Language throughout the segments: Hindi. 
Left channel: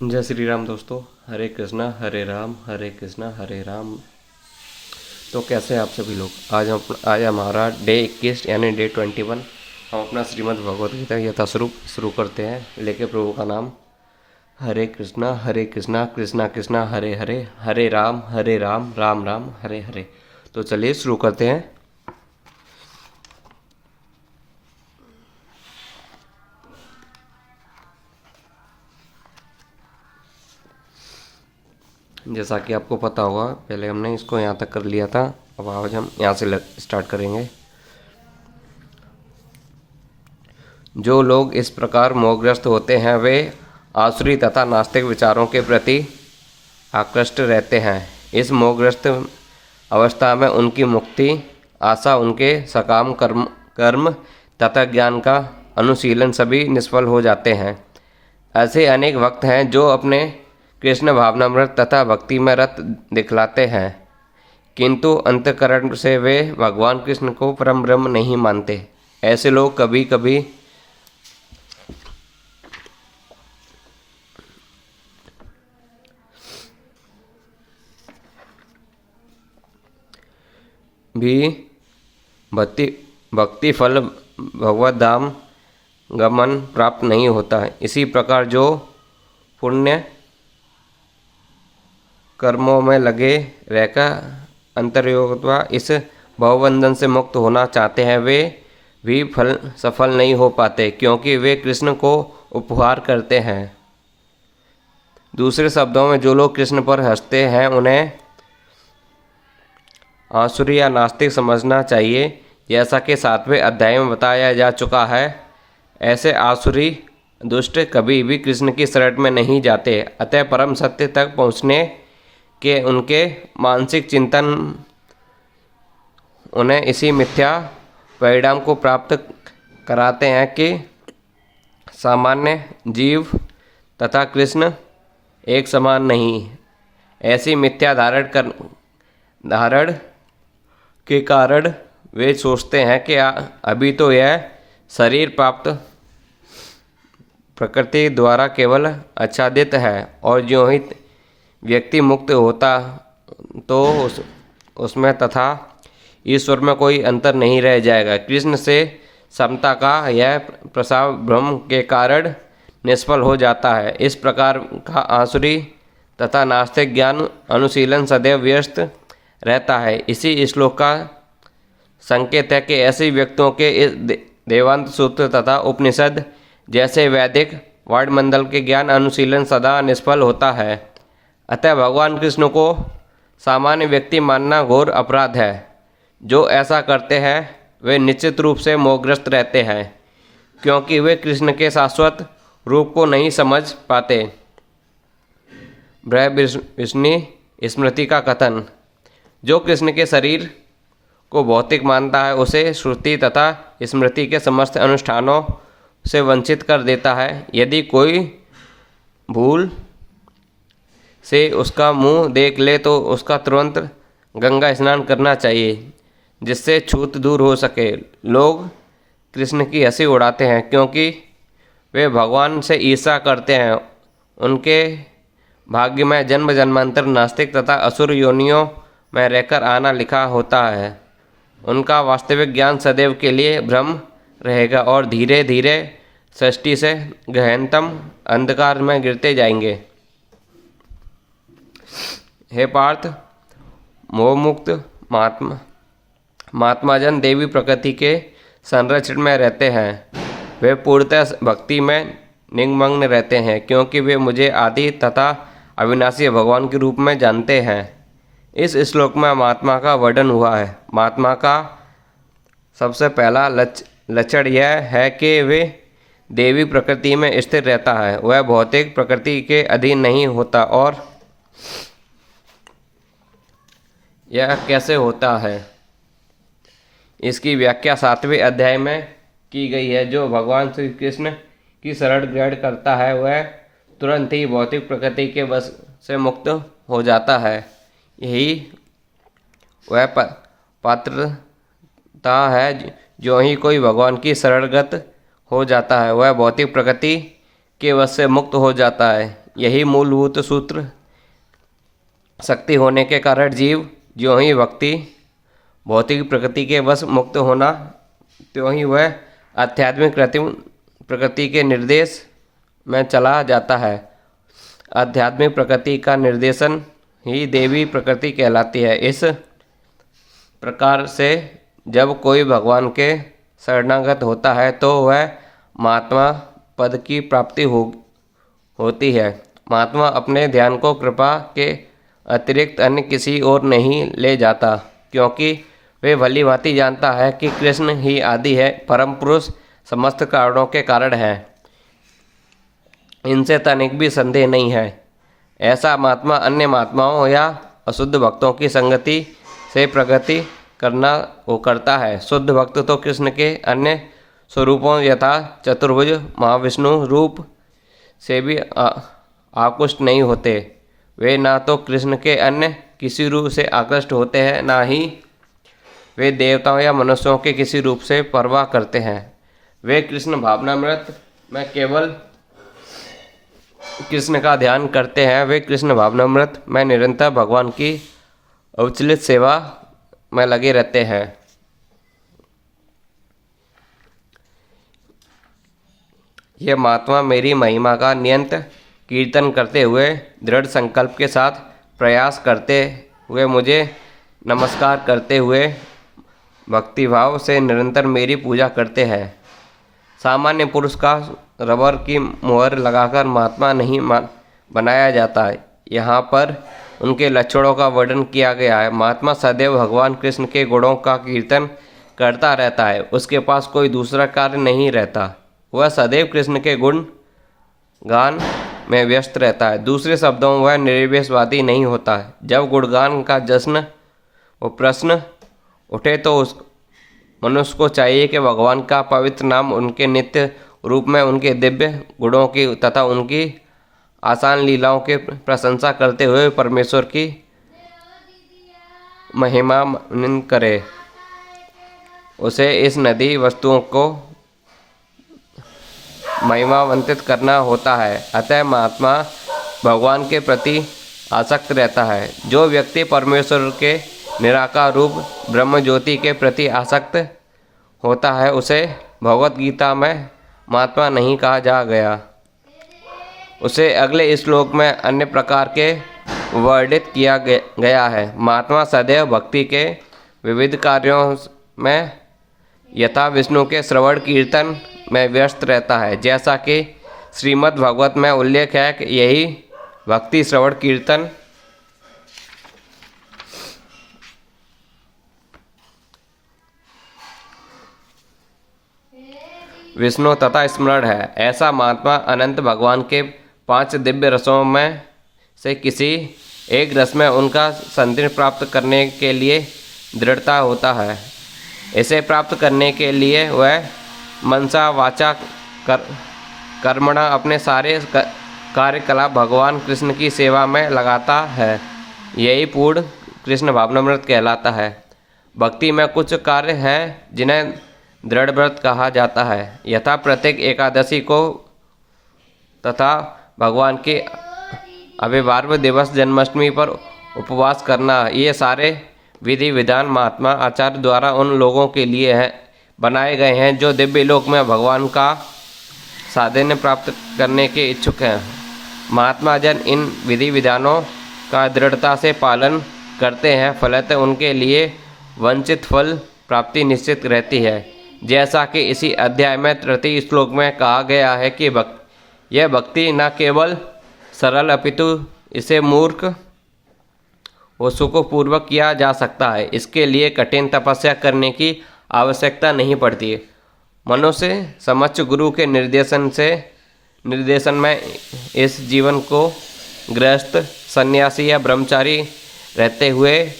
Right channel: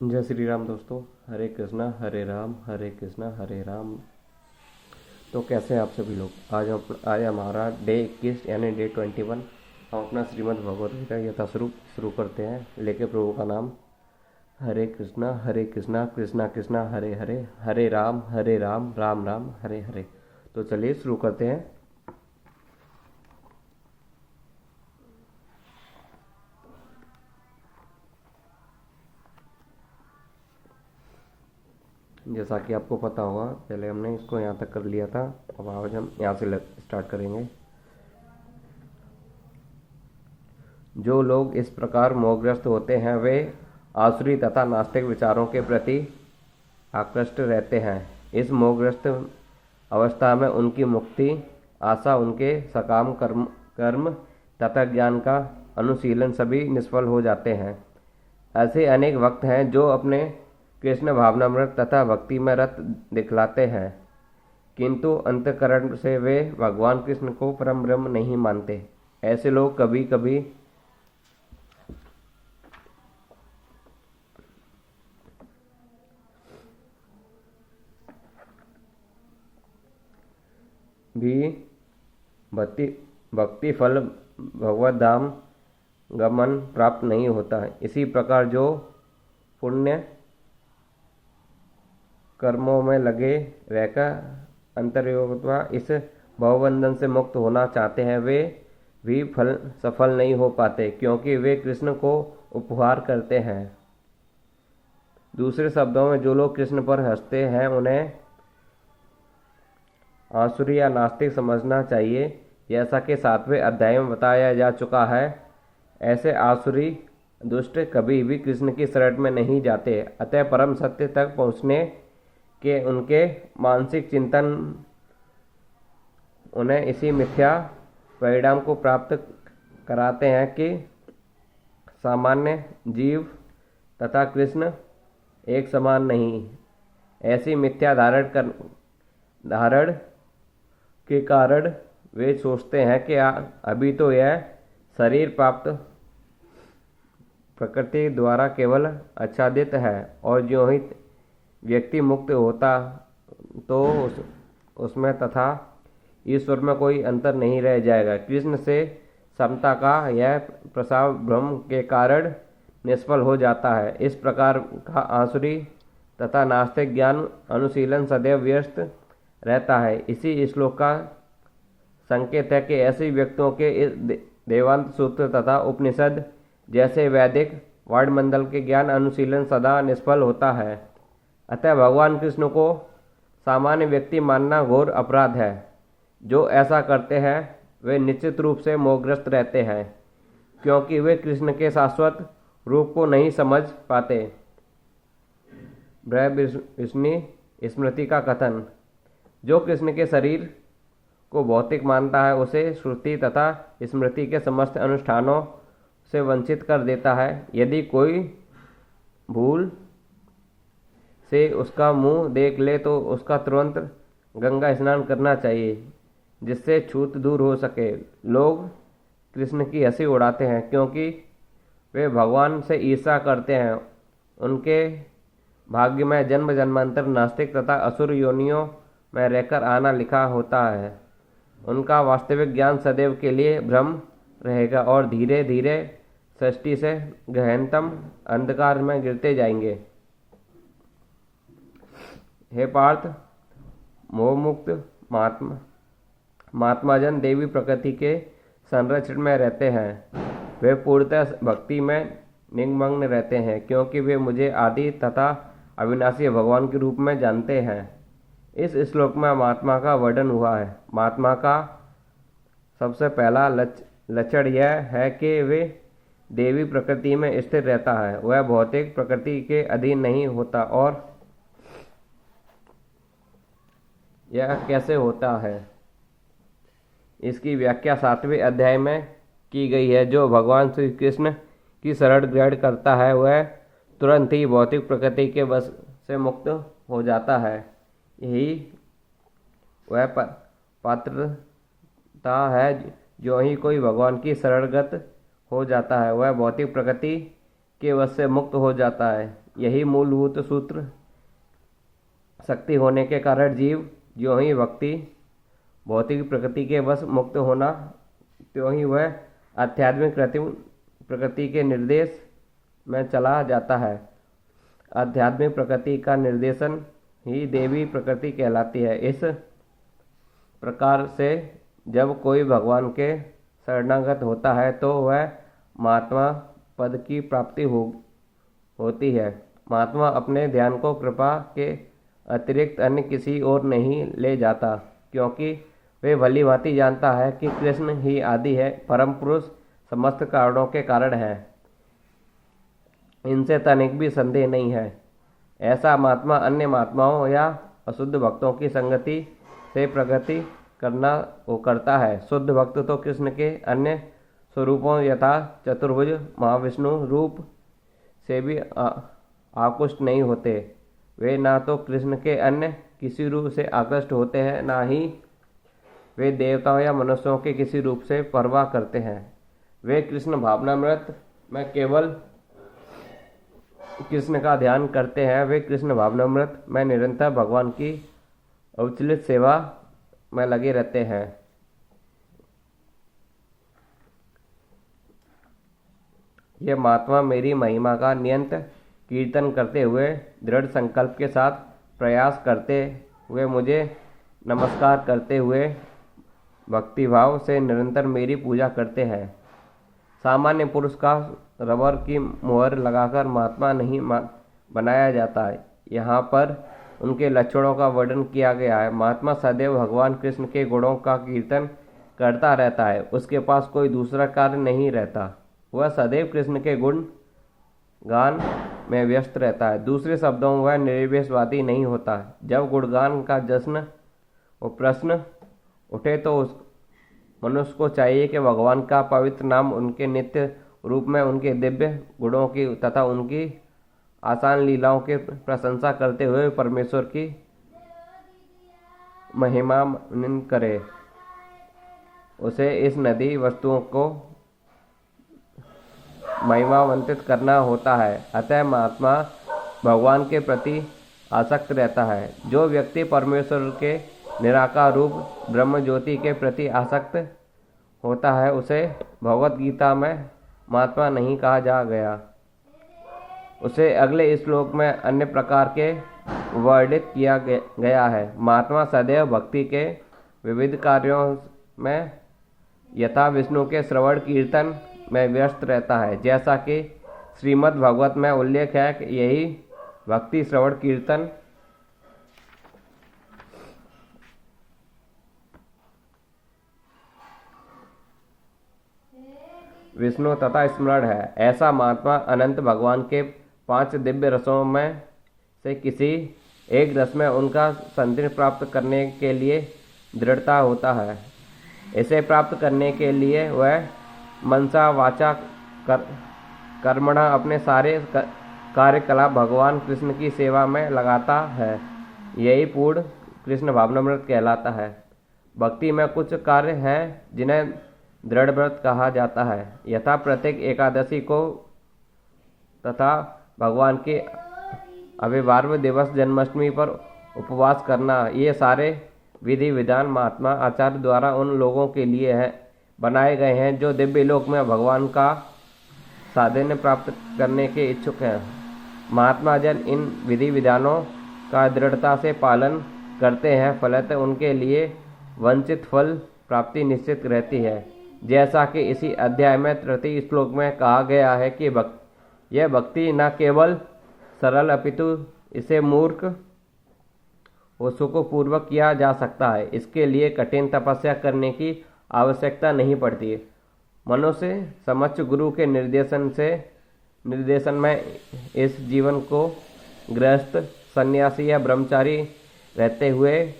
जय श्री राम दोस्तों। हरे कृष्णा हरे राम, हरे कृष्णा हरे राम। तो कैसे हैं आप सभी लोग। आज हमारा डे 21 यानी डे 21। हम अपना श्रीमद् भगवद गीता यथास्वरूप शुरू करते हैं लेके प्रभु का नाम। हरे कृष्णा कृष्णा कृष्णा हरे हरे, हरे राम राम राम हरे हरे। तो चलिए शुरू करते हैं। जैसा कि आपको पता होगा, पहले हमने इसको यहाँ तक कर लिया था। अब आज हम यहाँ से स्टार्ट करेंगे। जो लोग इस प्रकार मोहग्रस्त होते हैं वे आसुरी तथा नास्तिक विचारों के प्रति आकृष्ट रहते हैं। इस मोहग्रस्त अवस्था में उनकी मुक्ति आशा, उनके सकाम कर्म तथा ज्ञान का अनुशीलन सभी निष्फल हो जाते हैं। ऐसे अनेक भक्त हैं जो अपने कृष्ण भावनामृत तथा भक्ति में रत दिखलाते हैं, किंतु अंतःकरण से वे भगवान कृष्ण को परम ब्रह्म नहीं मानते। ऐसे लोग कभी कभी भी भक्ति फल भगवत धाम गमन प्राप्त नहीं होता है। इसी प्रकार जो पुण्य कर्मों में लगे रहकर अंतर्योगत्वा इस भवबंधन से मुक्त होना चाहते हैं, वे भी सफल नहीं हो पाते, क्योंकि वे कृष्ण को उपहार करते हैं। दूसरे शब्दों में, जो लोग कृष्ण पर हंसते हैं उन्हें आसुरी या नास्तिक समझना चाहिए। जैसा कि 7वें अध्याय में बताया जा चुका है, ऐसे आसुरी दुष्ट कभी भी कृष्ण की शरण में नहीं जाते। अतः परम सत्य तक पहुँचने के उनके मानसिक चिंतन उन्हें इसी मिथ्या परिणाम को प्राप्त कराते हैं कि सामान्य जीव तथा कृष्ण एक समान नहीं। ऐसी मिथ्या धारण के कारण वे सोचते हैं कि अभी तो यह शरीर प्राप्त प्रकृति द्वारा केवल आच्छादित है, और ज्यों ही व्यक्ति मुक्त होता तो उसमें तथा ईश्वर में कोई अंतर नहीं रह जाएगा। कृष्ण से समता का यह प्रसाव भ्रम के कारण निष्फल हो जाता है। इस प्रकार का आसुरी तथा नास्तिक ज्ञान अनुशीलन सदैव व्यस्त रहता है। इसी श्लोक का संकेत है कि ऐसे व्यक्तियों के इस देवांत सूत्र तथा उपनिषद जैसे वैदिक वायुमंडल के ज्ञान अनुशीलन सदा निष्फल होता है। अतः भगवान कृष्ण को सामान्य व्यक्ति मानना घोर अपराध है। जो ऐसा करते हैं वे निश्चित रूप से मोहग्रस्त रहते हैं, क्योंकि वे कृष्ण के शाश्वत रूप को नहीं समझ पाते। बृहद्विष्णु स्मृति का कथन, जो कृष्ण के शरीर को भौतिक मानता है उसे श्रुति तथा स्मृति के समस्त अनुष्ठानों से वंचित कर देता है। यदि कोई भूल से उसका मुंह देख ले तो उसका तुरंत गंगा स्नान करना चाहिए, जिससे छूत दूर हो सके। लोग कृष्ण की हंसी उड़ाते हैं क्योंकि वे भगवान से ईर्ष्या करते हैं। उनके भाग्य में जन्म जन्मांतर नास्तिक तथा असुर योनियों में रहकर आना लिखा होता है। उनका वास्तविक ज्ञान सदैव के लिए भ्रम रहेगा और धीरे धीरे सृष्टि से गहनतम अंधकार में गिरते जाएंगे। हे पार्थ, मोहमुक्त महात्माजन देवी प्रकृति के संरक्षण में रहते हैं। वे पूर्णतः भक्ति में निमग्न रहते हैं, क्योंकि वे मुझे आदि तथा अविनाशी भगवान के रूप में जानते हैं। इस श्लोक में महात्मा का वर्णन हुआ है। महात्मा का सबसे पहला लक्षण यह है कि वे देवी प्रकृति में स्थिर रहता है। वह भौतिक प्रकृति के अधीन नहीं होता। और यह कैसे होता है, इसकी व्याख्या 7वें अध्याय में की गई है। जो भगवान श्री कृष्ण की शरण ग्रहण करता है वह तुरंत ही भौतिक प्रकृति के वश से मुक्त हो जाता है। यही वह पात्रता है। जो ही कोई भगवान की शरणगत हो जाता है वह भौतिक प्रकृति के वश से मुक्त हो जाता है। यही मूलभूत सूत्र शक्ति होने के कारण जीव ज्यों ही भक्ति भौतिक प्रकृति के वश मुक्त होना त्यों ही वह आध्यात्मिक प्रकृति के निर्देश में चला जाता है। आध्यात्मिक प्रकृति का निर्देशन ही देवी प्रकृति कहलाती है। इस प्रकार से जब कोई भगवान के शरणागत होता है तो वह महात्मा पद की प्राप्ति होती है। महात्मा अपने ध्यान को कृपा के अतिरिक्त अन्य किसी और नहीं ले जाता, क्योंकि वे भली भांति जानता है कि कृष्ण ही आदि है, परम पुरुष समस्त कारणों के कारण है। इनसे तनिक भी संदेह नहीं है। ऐसा महात्मा अन्य महात्माओं या अशुद्ध भक्तों की संगति से प्रगति करता है। शुद्ध भक्त तो कृष्ण के अन्य स्वरूपों यथा चतुर्भुज महाविष्णु रूप से भी आकृष्ट नहीं होते। वे ना तो कृष्ण के अन्य किसी रूप से आकृष्ट होते हैं, ना ही वे देवताओं या मनुष्यों के किसी रूप से परवाह करते हैं। वे कृष्ण भावनामृत में केवल कृष्ण का ध्यान करते हैं। वे कृष्ण भावनामृत में निरंतर भगवान की अविचलित सेवा में लगे रहते हैं। यह महात्मा मेरी महिमा का नियंत कीर्तन करते हुए दृढ़ संकल्प के साथ प्रयास करते हुए मुझे नमस्कार करते हुए भक्तिभाव से निरंतर मेरी पूजा करते हैं। सामान्य पुरुष का रबर की मुहर लगाकर महात्मा नहीं बनाया जाता है। यहाँ पर उनके लक्षणों का वर्णन किया गया है। महात्मा सदैव भगवान कृष्ण के गुणों का कीर्तन करता रहता है। उसके पास कोई दूसरा कार्य नहीं रहता। वह सदैव कृष्ण के गुण गान में व्यस्त रहता है। दूसरे शब्दों में वह निर्विशेषवादी नहीं होता है। जब गुणगान का जश्न व प्रश्न उठे तो उस मनुष्य को चाहिए कि भगवान का पवित्र नाम, उनके नित्य रूप में उनके दिव्य गुणों की तथा उनकी आसान लीलाओं की प्रशंसा करते हुए परमेश्वर की महिमा करे। उसे इस नदी वस्तुओं को महिमावंतित करना होता है। अतः महात्मा भगवान के प्रति आसक्त रहता है। जो व्यक्ति परमेश्वर के निराकार रूप ब्रह्म ज्योति के प्रति आसक्त होता है उसे भगवत गीता में महात्मा नहीं कहा जा गया। उसे अगले श्लोक में अन्य प्रकार के वर्णित किया गया है। महात्मा सदैव भक्ति के विविध कार्यों में यथा विष्णु के श्रवण कीर्तन में व्यस्त रहता है। जैसा कि श्रीमद् भागवत में उल्लेख है कि यही भक्ति श्रवण कीर्तन विष्णु तथा स्मरण है। ऐसा महात्मा अनंत भगवान के 5 दिव्य रसों में से किसी एक रस में उनका संतृप्ति प्राप्त करने के लिए दृढ़ता होता है। इसे प्राप्त करने के लिए वह मनसा वाचा कर्मणा अपने सारे कार्यकलाप भगवान कृष्ण की सेवा में लगाता है। यही पूर्ण कृष्ण भावनामृत कहलाता है। भक्ति में कुछ कार्य हैं जिन्हें दृढ़ व्रत कहा जाता है। यथा प्रत्येक एकादशी को तथा भगवान के अभिवार्य दिवस जन्माष्टमी पर उपवास करना, ये सारे विधि विधान महात्मा आचार्य द्वारा उन लोगों के लिए बनाए गए हैं जो दिव्य लोक में भगवान का साधन प्राप्त करने के इच्छुक हैं। महात्मा जन इन विधि विधानों का दृढ़ता से पालन करते हैं, फलतः उनके लिए वंचित फल प्राप्ति निश्चित रहती है। जैसा कि इसी अध्याय में 3 श्लोक में कहा गया है कि यह भक्ति न केवल सरल अपितु इसे मूर्ख व सुखपूर्वक किया जा सकता है। इसके लिए कठिन तपस्या करने की आवश्यकता नहीं पड़ती। मनुष्य समक्ष गुरु के निर्देशन में इस जीवन को गृहस्थ, सन्यासी या ब्रह्मचारी रहते हुए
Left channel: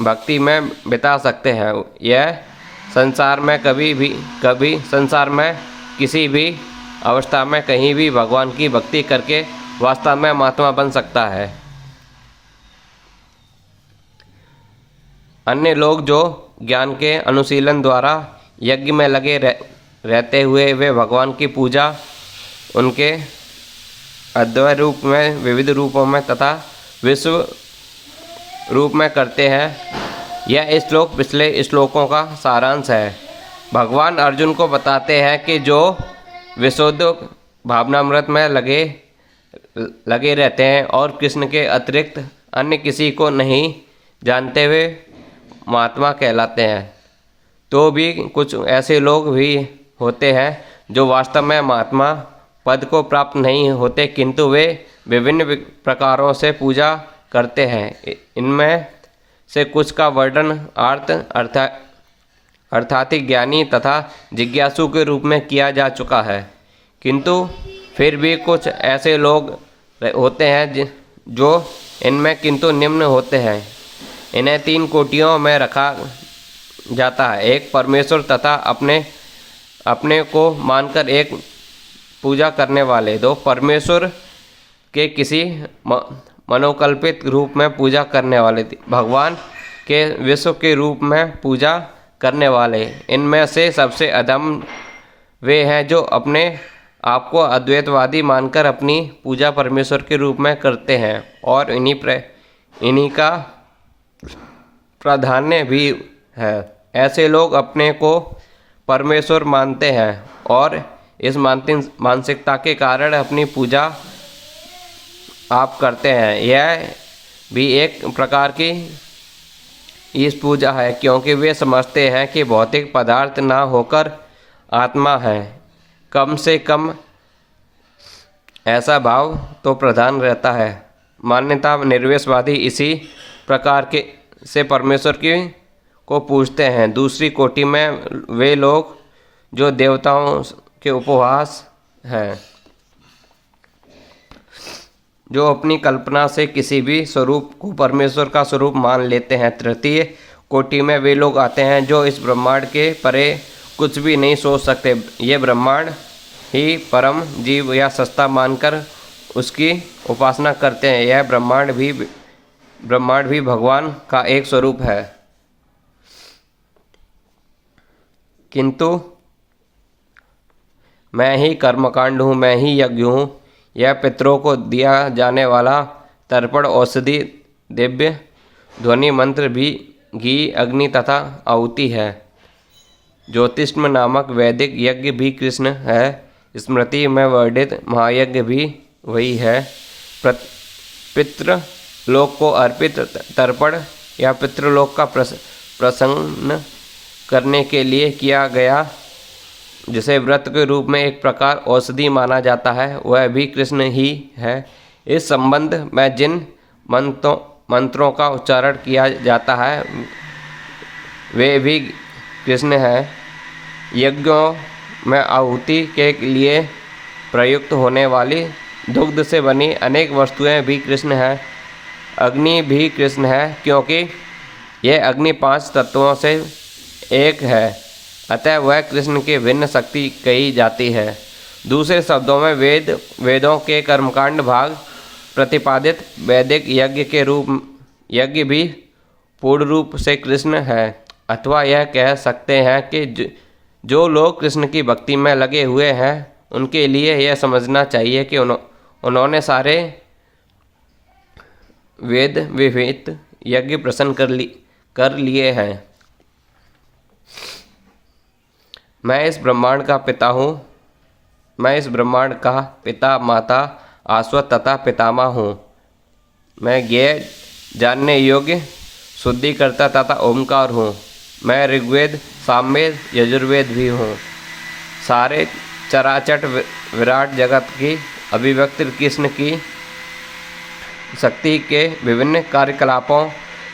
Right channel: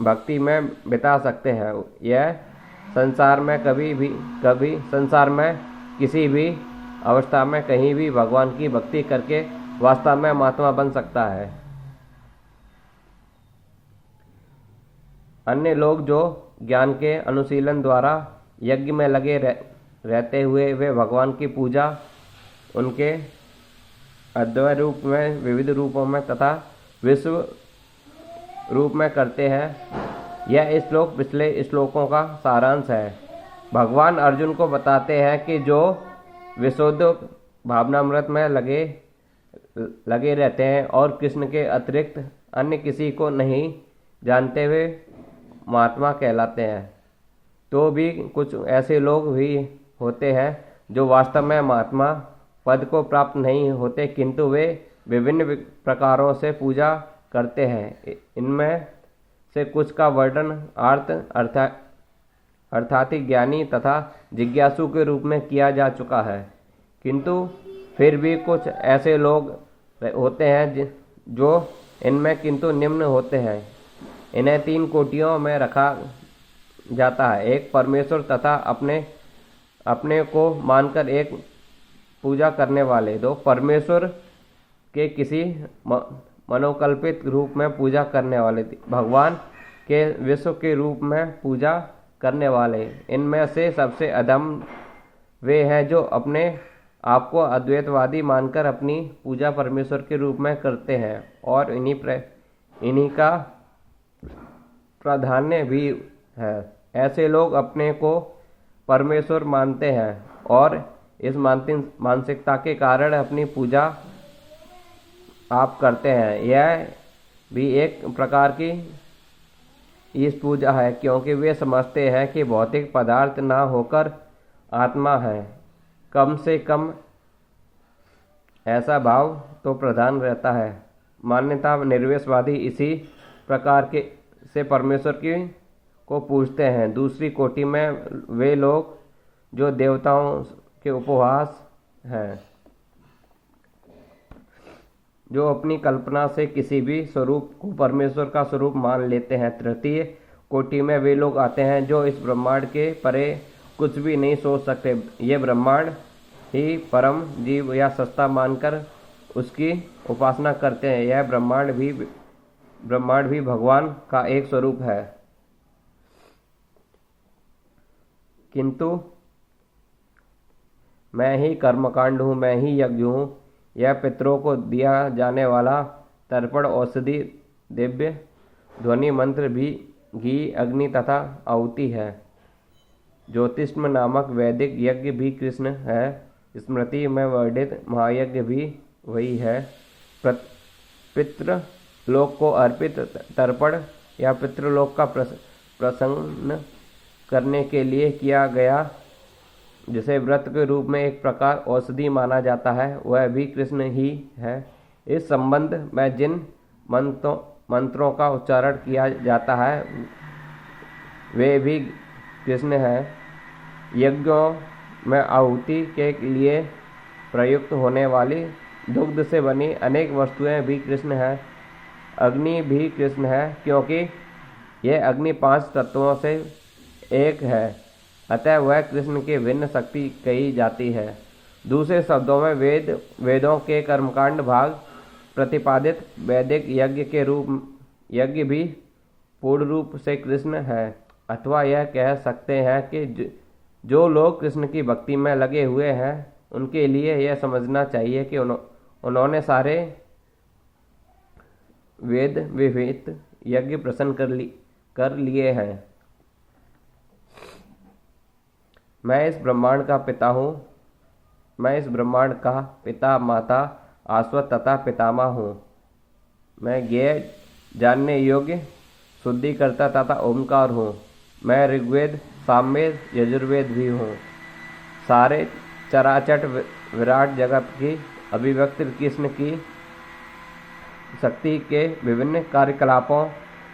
भक्ति में बिता सकते हैं। यह संसार में संसार में किसी भी अवस्था में कहीं भी भगवान की भक्ति करके वास्तव में महात्मा बन सकता है। अन्य लोग जो ज्ञान के अनुशीलन द्वारा यज्ञ में लगे रहते हुए वे भगवान की पूजा उनके अद्वैत रूप में, विविध रूपों में तथा विश्व रूप में करते हैं। यह श्लोक पिछले श्लोकों का सारांश है। भगवान अर्जुन को बताते हैं कि जो विशुद्ध भावनामृत में लगे रहते हैं और कृष्ण के अतिरिक्त अन्य किसी को नहीं जानते हुए महात्मा कहलाते हैं। तो भी कुछ ऐसे लोग भी होते हैं जो वास्तव में महात्मा पद को प्राप्त नहीं होते, किंतु वे विभिन्न प्रकारों से पूजा करते हैं। इनमें से कुछ का वर्णन अर्थात ज्ञानी तथा जिज्ञासु के रूप में किया जा चुका है, किंतु फिर भी कुछ ऐसे लोग होते हैं जो इनमें किंतु निम्न होते हैं। इन्हें 3 कोटियों में रखा जाता है। एक, परमेश्वर तथा अपने को मानकर एक पूजा करने वाले। 2, परमेश्वर के किसी मनोकल्पित रूप में पूजा करने वाले। भगवान के विश्व के रूप में पूजा करने वाले। इनमें से सबसे अधम वे हैं जो अपने आपको अद्वैतवादी मानकर अपनी पूजा परमेश्वर के रूप में करते हैं और इन्हीं का प्राधान्य भी है। ऐसे लोग अपने को परमेश्वर मानते हैं और इस मानसिकता के कारण अपनी पूजा आप करते हैं। यह भी एक प्रकार की इस पूजा है, क्योंकि वे समझते हैं कि भौतिक पदार्थ ना होकर आत्मा है। कम से कम ऐसा भाव तो प्रधान रहता है। मान्यता निर्विशेषवादी इसी प्रकार के से परमेश्वर को पूजते हैं। दूसरी कोटि में वे लोग जो देवताओं के उपहास हैं, जो अपनी कल्पना से किसी भी स्वरूप को परमेश्वर का स्वरूप मान लेते हैं। तृतीय कोटि में वे लोग आते हैं जो इस ब्रह्मांड के परे कुछ भी नहीं सोच सकते। ये ब्रह्मांड ही परम जीव या सत्ता मानकर उसकी उपासना करते हैं। यह ब्रह्मांड भी भगवान का एक स्वरूप है, किंतु मैं ही कर्मकांड हूँ, मैं ही यज्ञ हूँ। यह पितरों को दिया जाने वाला तर्पण, औषधि, दिव्य ध्वनि मंत्र भी, घी, अग्नि तथा आहुति है। ज्योतिष्म नामक वैदिक यज्ञ भी कृष्ण है। स्मृति में वर्णित महायज्ञ भी वही है। पितृलोक को अर्पित तर्पण या पितृलोक का प्रसन्न करने के लिए किया गया, जिसे व्रत के रूप में एक प्रकार औषधि माना जाता है, वह भी कृष्ण ही है। इस संबंध में जिन मंत्रों का उच्चारण किया जाता है वे भी कृष्ण है। यज्ञों में आहुति के लिए प्रयुक्त होने वाली दुग्ध से बनी अनेक वस्तुएं भी कृष्ण है। अग्नि भी कृष्ण है, क्योंकि यह अग्नि 5 तत्वों से एक है, अतः वह कृष्ण की भिन्न शक्ति कही जाती है। दूसरे शब्दों में वेदों के कर्मकांड भाग प्रतिपादित वैदिक यज्ञ भी पूर्ण रूप से कृष्ण है। अथवा यह कह सकते हैं कि जो लोग कृष्ण की भक्ति में लगे हुए हैं उनके लिए यह समझना चाहिए कि उन्होंने सारे वेद विहित यज्ञ प्रसन्न कर लिए हैं। मैं इस ब्रह्मांड का पिता हूँ। मैं इस ब्रह्मांड का पिता, माता, आश्वत तथा पितामह हूँ। मैं ज्ञेय, जानने योग्य, शुद्धिकर्ता तथा ओमकार हूँ। मैं ऋग्वेद, सामवेद, यजुर्वेद भी हूँ। सारे चराचर विराट जगत की अभिव्यक्ति कृष्ण की शक्ति के विभिन्न कार्यकलापों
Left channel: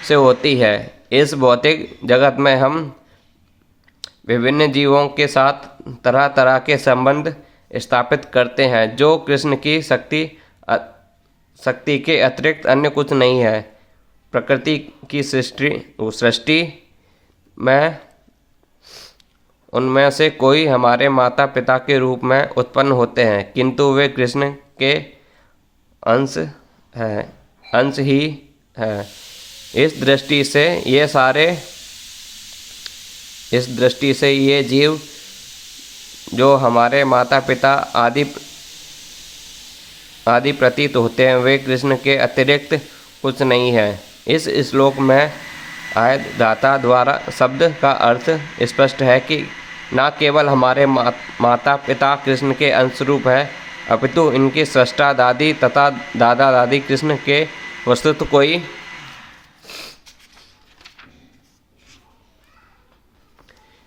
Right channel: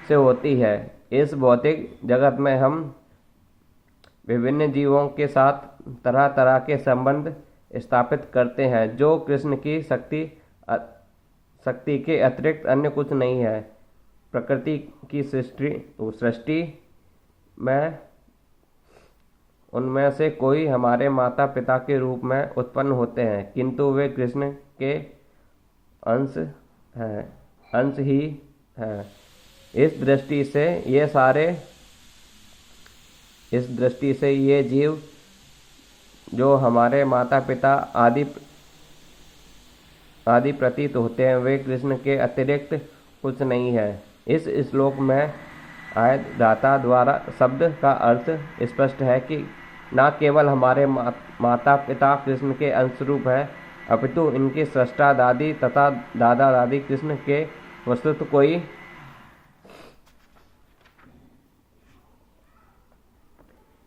से होती है। इस भौतिक जगत में हम विभिन्न जीवों के साथ तरह तरह के संबंध स्थापित करते हैं, जो कृष्ण की शक्ति के अतिरिक्त अन्य कुछ नहीं है। प्रकृति की सृष्टि में उनमें से कोई हमारे माता पिता के रूप में उत्पन्न होते हैं, किंतु वे कृष्ण के अंश ही हैं। इस दृष्टि से ये जीव जो हमारे माता पिता आदि आदि प्रतीत होते हैं, वे कृष्ण के अतिरिक्त कुछ नहीं है। इस श्लोक में आयदाता द्वारा शब्द का अर्थ स्पष्ट है कि न केवल हमारे माता पिता कृष्ण के अंशरूप हैं, अपितु इनके सृष्टा दादी तथा दादा दादी कृष्ण के वस्तुतः कोई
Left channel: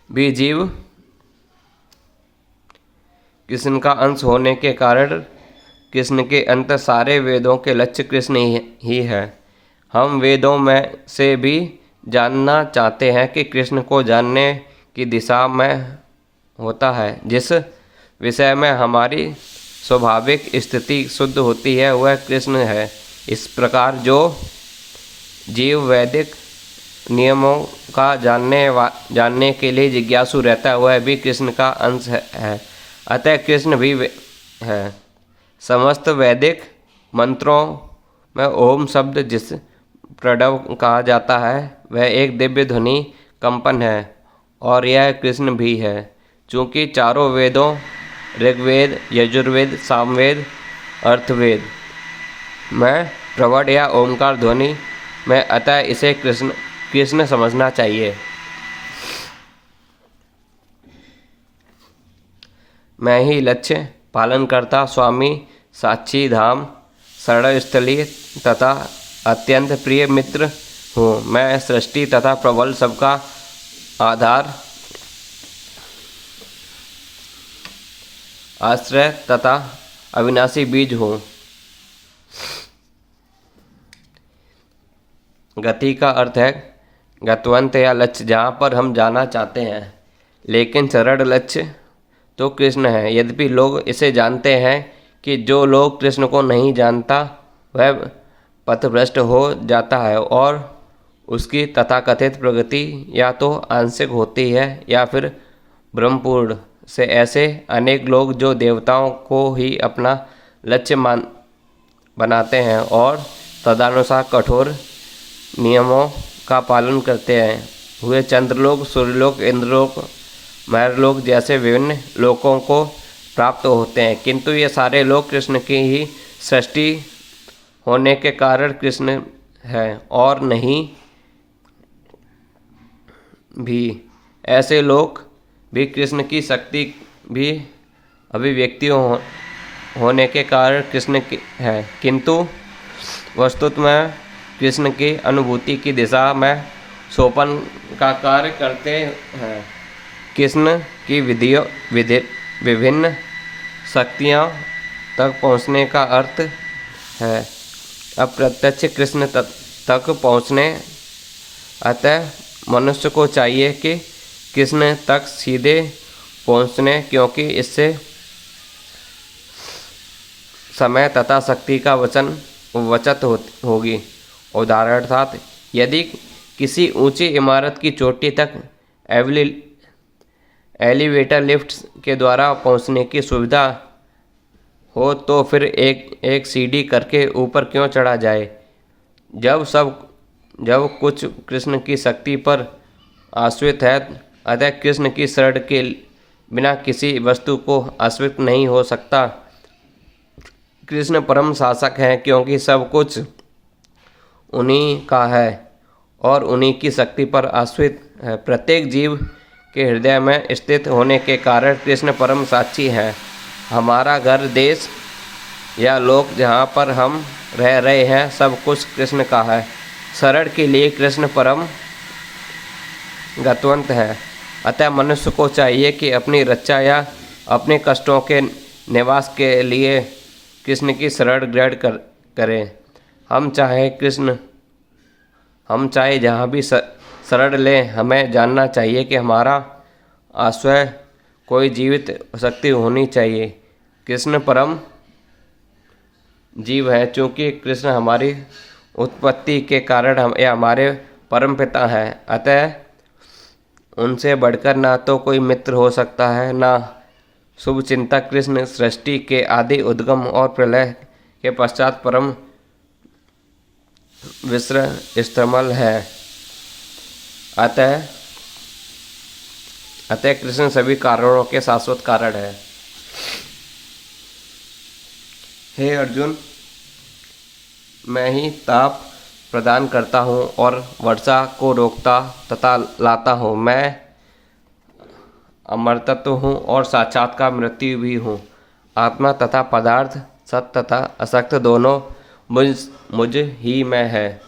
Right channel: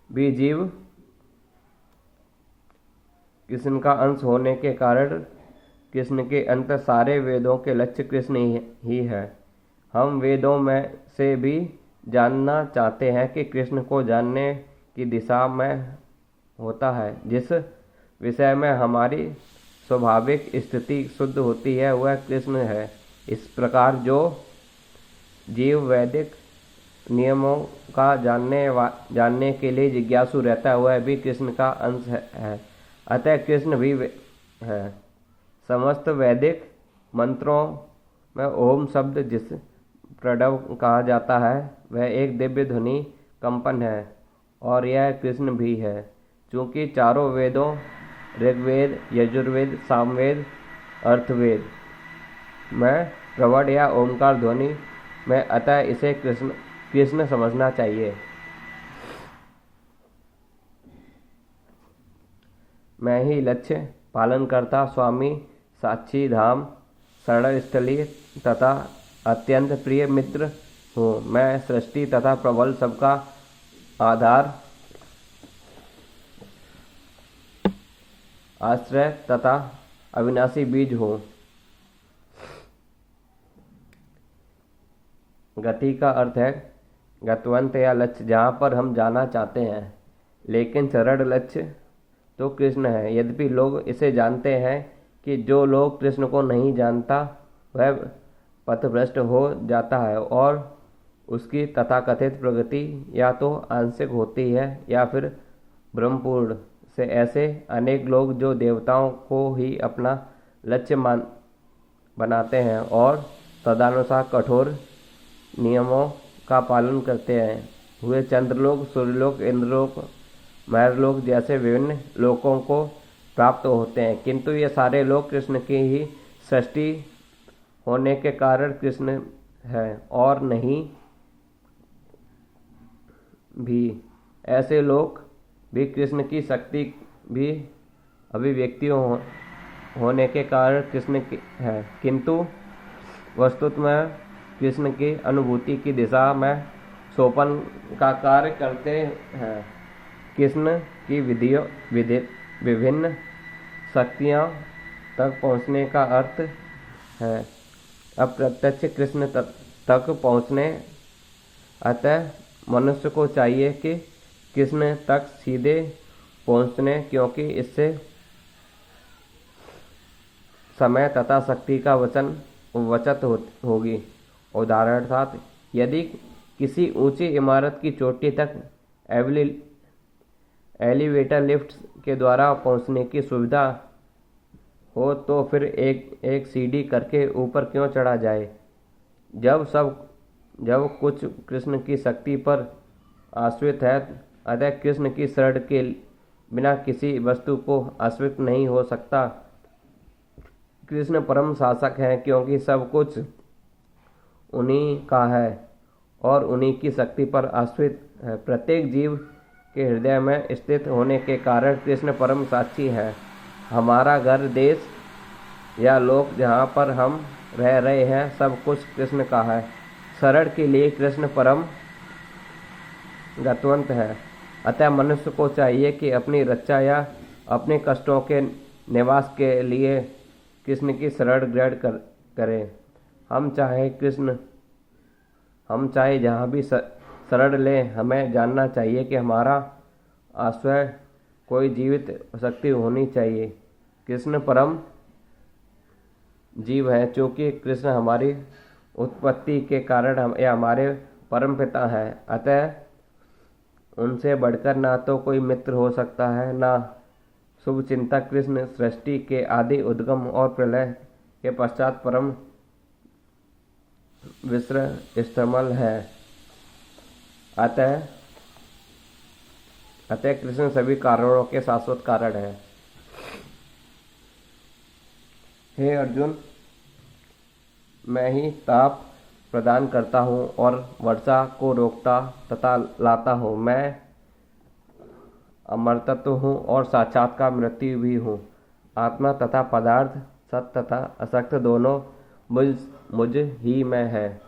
भी जीव कृष्ण का अंश होने के कारण कृष्ण के अंत सारे वेदों के लक्ष्य कृष्ण ही है। हम वेदों में से भी जानना चाहते हैं कि कृष्ण को जानने की दिशा में होता है। जिस विषय में हमारी स्वाभाविक स्थिति शुद्ध होती है वह कृष्ण है। इस प्रकार जो जीव वैदिक नियमों का जानने के लिए जिज्ञासु रहता है वह भी कृष्ण का अंश है, अतः कृष्ण भी है। समस्त वैदिक मंत्रों में ओम शब्द जिस प्रणव कहा जाता है वह एक दिव्य ध्वनि कंपन है और यह कृष्ण भी है। चूँकि चारों वेदों ऋग्वेद, यजुर्वेद, सामवेद, अर्थवेद में प्रवड या ओमकार ध्वनि में, अतः इसे कृष्ण समझना चाहिए। मैं ही लक्ष्य पालनकर्ता, स्वामी, साक्षी धाम, शरणस्थली तथा अत्यंत प्रिय मित्र हूँ। मैं सृष्टि तथा प्रबल सबका आधार, आश्रय तथा अविनाशी बीज हूँ। गति का अर्थ है गतवंत या लक्ष्य, जहाँ पर हम जाना चाहते हैं, लेकिन सरल लक्ष्य तो कृष्ण है। यद्यपि लोग इसे जानते हैं कि जो लोग कृष्ण को नहीं जानता वह पथभ्रष्ट हो जाता है और उसकी तथाकथित प्रगति या तो आंशिक होती है या फिर ब्रह्मपूर्ण से। ऐसे अनेक लोग जो देवताओं को ही अपना लक्ष्य बनाते हैं और तदनुसार कठोर नियमों का पालन करते हैं, हुए चंद्रलोक, सूर्यलोक, इंद्रलोक, महरलोक जैसे विभिन्न लोकों को प्राप्त होते हैं। किंतु ये सारे लोग कृष्ण की ही सृष्टि होने के कारण कृष्ण है और नहीं भी। ऐसे लोग भी कृष्ण की शक्ति भी अभिव्यक्ति होने के कारण कृष्ण है, किंतु वस्तुतः में कृष्ण की अनुभूति की दिशा में सोपान का कार्य करते हैं। कृष्ण की विभिन्न शक्तियाँ तक पहुँचने का अर्थ है अप्रत्यक्ष कृष्ण तक पहुँचने। अतः मनुष्य को चाहिए कि कृष्ण तक सीधे पहुँचने, क्योंकि इससे समय तथा शक्ति का बचत होगी। उदाहरणार्थ, यदि किसी ऊंची इमारत की चोटी तक एलिवेटर लिफ्ट के द्वारा पहुंचने की सुविधा हो तो फिर एक सीढ़ी करके ऊपर क्यों चढ़ा जाए। जब कुछ कृष्ण की शक्ति पर आश्रित है, अतः कृष्ण की शरण के बिना किसी वस्तु को आश्रित नहीं हो सकता। कृष्ण परम शासक हैं, क्योंकि सब कुछ उन्हीं का है और उन्हीं की शक्ति पर आश्रित है। प्रत्येक जीव के हृदय में स्थित होने के कारण कृष्ण परम साक्षी है। हमारा घर, देश या लोक जहाँ पर हम रह रहे हैं, सब कुछ कृष्ण का है। शरण के लिए कृष्ण परम गतवंत है। अतः मनुष्य को चाहिए कि अपनी रक्षा या अपने कष्टों के निवास के लिए कृष्ण की शरण ग्रहण करें। हम चाहे जहाँ भी शरण लें, हमें जानना चाहिए कि हमारा आश्रय कोई जीवित शक्ति होनी चाहिए। कृष्ण परम जीव है, चूँकि कृष्ण हमारी उत्पत्ति के कारण हमारे परम पिता हैं। अतः उनसे बढ़कर ना तो कोई मित्र हो सकता है, ना शुभ चिंतक। कृष्ण सृष्टि के आदि, उद्गम और प्रलय के पश्चात परम विश्रमस्थल है। अतः कृष्ण सभी कारणों के शाश्वत कारण है। हे अर्जुन, मैं ही ताप प्रदान करता हूँ और वर्षा को रोकता तथा लाता हूँ। मैं अमरतत्व हूँ और साक्षात्कार मृत्यु भी हूँ। आत्मा तथा पदार्थ, सत्य तथा असत्य दोनों मुझ ही में है।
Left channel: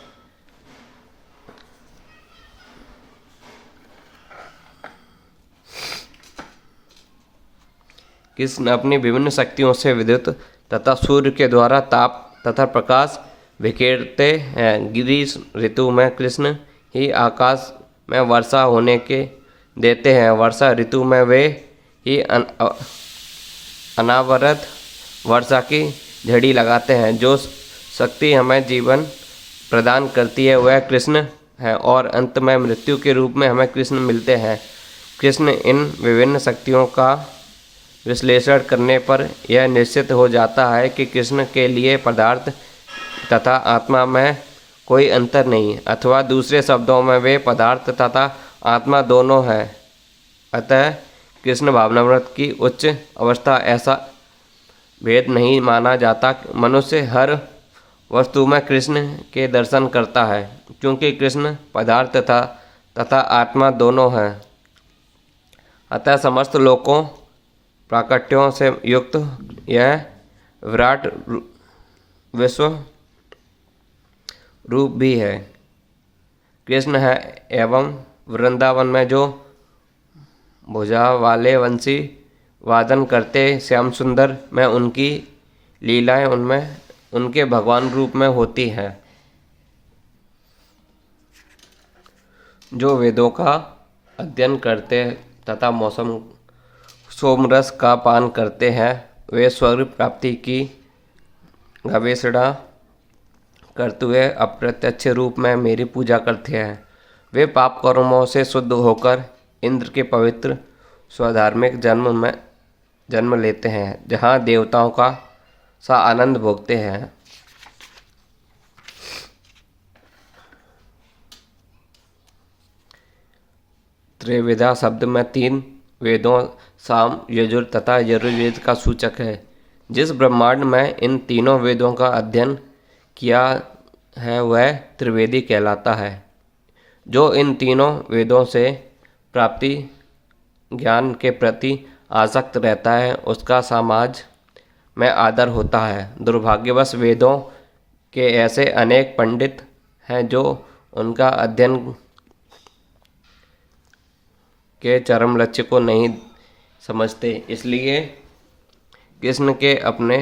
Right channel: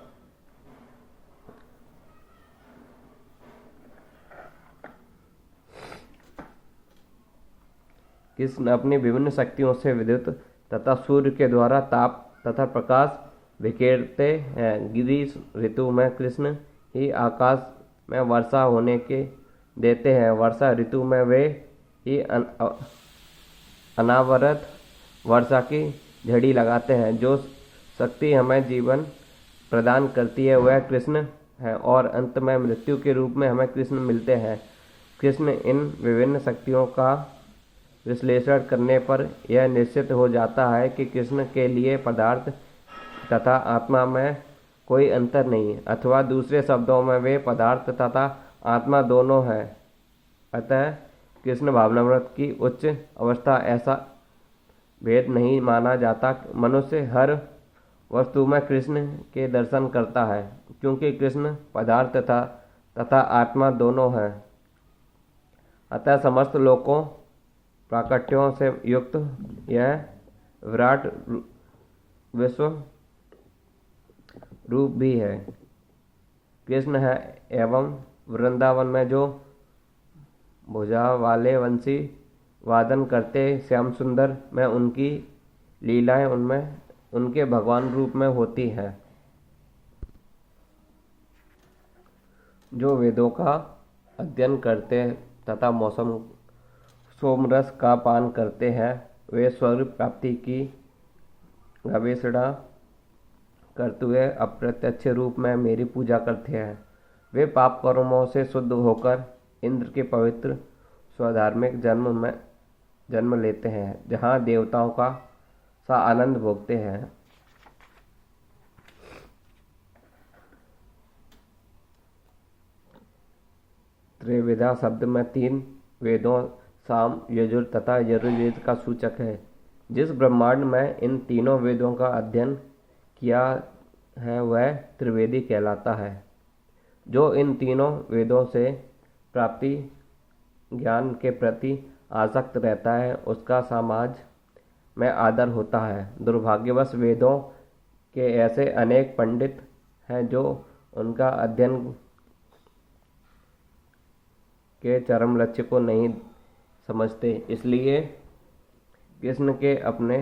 कृष्ण अपनी विभिन्न शक्तियों से विद्युत तथा सूर्य के द्वारा ताप तथा प्रकाश बिखेरते हैं। ग्रीष्म ऋतु में कृष्ण ही आकाश में वर्षा होने के देते हैं। वर्षा ऋतु में वे ही अनावरत वर्षा की झड़ी लगाते हैं। जो शक्ति हमें जीवन प्रदान करती है वह कृष्ण है और अंत में मृत्यु के रूप में हमें कृष्ण मिलते हैं। कृष्ण इन विभिन्न शक्तियों का विश्लेषण करने पर यह निश्चित हो जाता है कि कृष्ण के लिए पदार्थ तथा आत्मा में कोई अंतर नहीं, अथवा दूसरे शब्दों में वे पदार्थ तथा आत्मा दोनों हैं। अतः कृष्ण भावनामृत की उच्च अवस्था ऐसा भेद नहीं माना जाता। मनुष्य हर वस्तु में कृष्ण के दर्शन करता है, क्योंकि कृष्ण पदार्थ तथा आत्मा दोनों हैं। अतः समस्त लोकों प्राकट्यों से युक्त यह विराट विश्व रूप भी है कृष्ण है। एवं वृंदावन में जो भुजा वाले वंशी वादन करते श्याम सुंदर में उनकी लीलाएं उनमें उनके भगवान रूप में होती हैं। जो वेदों का अध्ययन करते तथा मौसम सोमरस का पान करते हैं, वे स्वर्ग प्राप्ति की गवेषणा करते हुए अप्रत्यक्ष रूप में मेरी पूजा करते हैं। वे पाप कर्मों से शुद्ध होकर इंद्र के पवित्र स्वधार्मिक जन्म लेते हैं, जहाँ देवताओं का सा आनंद भोगते हैं। त्रिविधा शब्द में 3 वेदों साम, यजुर तथा यजुर्वेद का सूचक है। जिस ब्रह्मांड में इन तीनों वेदों का अध्ययन किया है वह त्रिवेदी कहलाता है। जो इन तीनों वेदों से प्राप्ति ज्ञान के प्रति आसक्त रहता है उसका समाज में आदर होता है। दुर्भाग्यवश वेदों के ऐसे अनेक पंडित हैं जो उनका अध्ययन के चरम लक्ष्य को नहीं समझते, इसलिए कृष्ण के अपने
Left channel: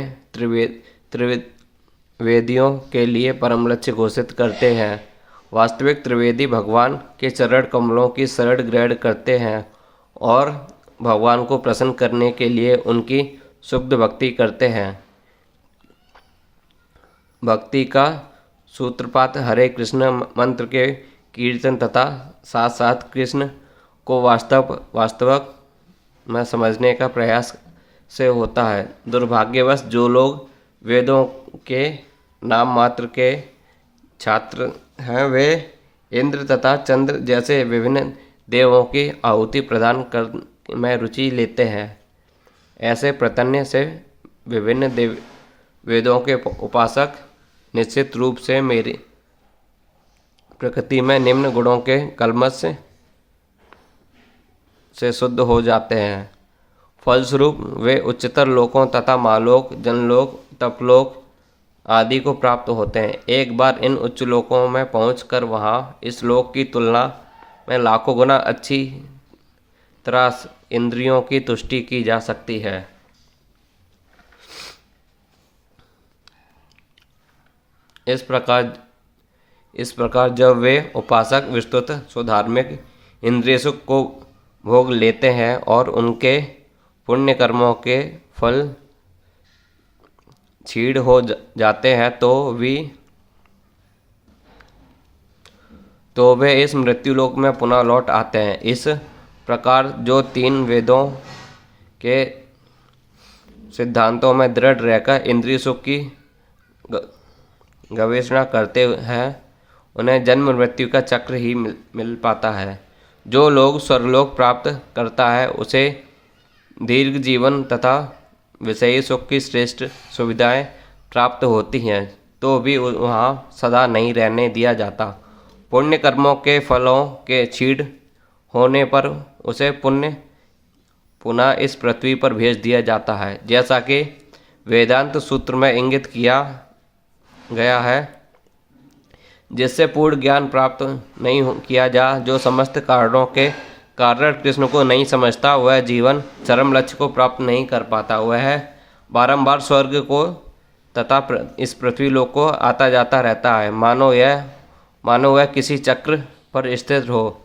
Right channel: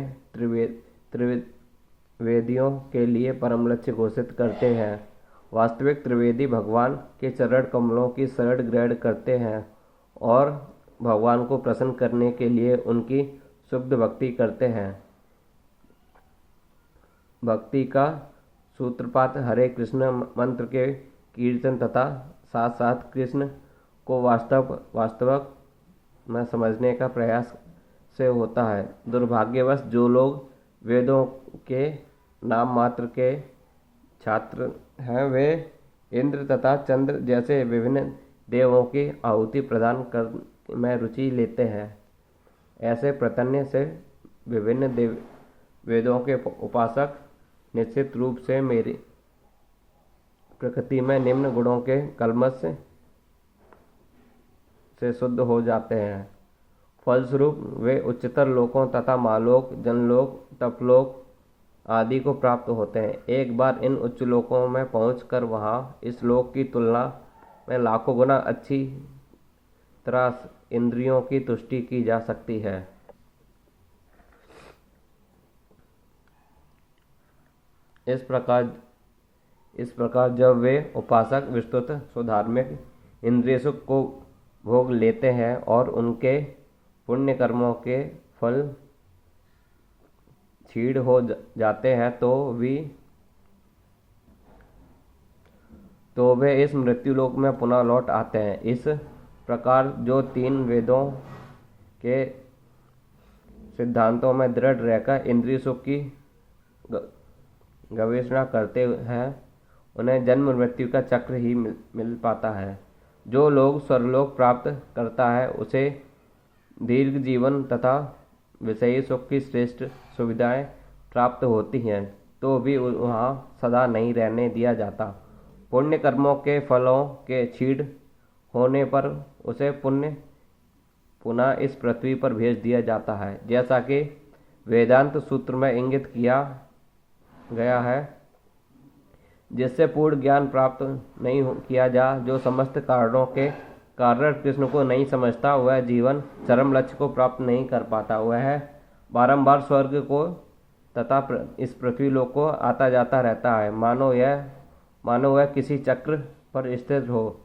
त्रिवेदियों के लिए परम लक्ष्य घोषित करते हैं। वास्तविक त्रिवेदी भगवान के चरण कमलों की शरण ग्रहण करते हैं और भगवान को प्रसन्न करने के लिए उनकी शुद्ध भक्ति करते हैं। भक्ति का सूत्रपात हरे कृष्ण मंत्र के कीर्तन तथा साथ साथ कृष्ण को वास्तविक में समझने का प्रयास से होता है। दुर्भाग्यवश जो लोग वेदों के नाम मात्र के छात्र हैं वे इंद्र तथा चंद्र जैसे विभिन्न देवों की आहुति प्रदान कर में रुचि लेते हैं। ऐसे प्रतन्य से विभिन्न वेदों के उपासक निश्चित रूप से मेरी प्रकृति में निम्न गुणों के कलमश से शुद्ध हो जाते हैं। फलस्वरूप वे उच्चतर लोकों तथा मालोक, जनलोक, तपलोक आदि को प्राप्त होते हैं। एक बार इन उच्च लोकों में पहुंचकर वहां इस लोक की तुलना में लाखों गुना अच्छी तरह इंद्रियों की तुष्टि की जा सकती है। इस प्रकार जब वे उपासक विस्तृत स्वधार्मिक इंद्रिय सुख को भोग लेते हैं और उनके पुण्य कर्मों के फल क्षीण हो जाते हैं तो वे इस मृत्युलोक में पुनः लौट आते हैं। इस प्रकार जो 3 वेदों के सिद्धांतों में दृढ़ रहकर इंद्रिय सुख की गवेषणा करते हैं उन्हें जन्म मृत्यु का चक्र ही मिल पाता है। जो लोग स्वर्गलोक प्राप्त करता है उसे दीर्घ जीवन तथा विषयी सुख की श्रेष्ठ सुविधाएं प्राप्त होती हैं तो भी वहाँ सदा नहीं रहने दिया जाता। पुण्य कर्मों के फलों के छीड़ होने पर उसे पुनः इस पृथ्वी पर भेज दिया जाता है, जैसा कि वेदांत सूत्र में इंगित किया गया है। जिससे पूर्ण ज्ञान प्राप्त नहीं किया जा, जो समस्त कारणों के कारण कृष्ण को नहीं समझता, वह जीवन चरम लक्ष्य को प्राप्त नहीं कर पाता। वह बारंबार स्वर्ग को तथा इस पृथ्वी लोक को आता जाता रहता है, मानो वह किसी चक्र पर स्थित हो,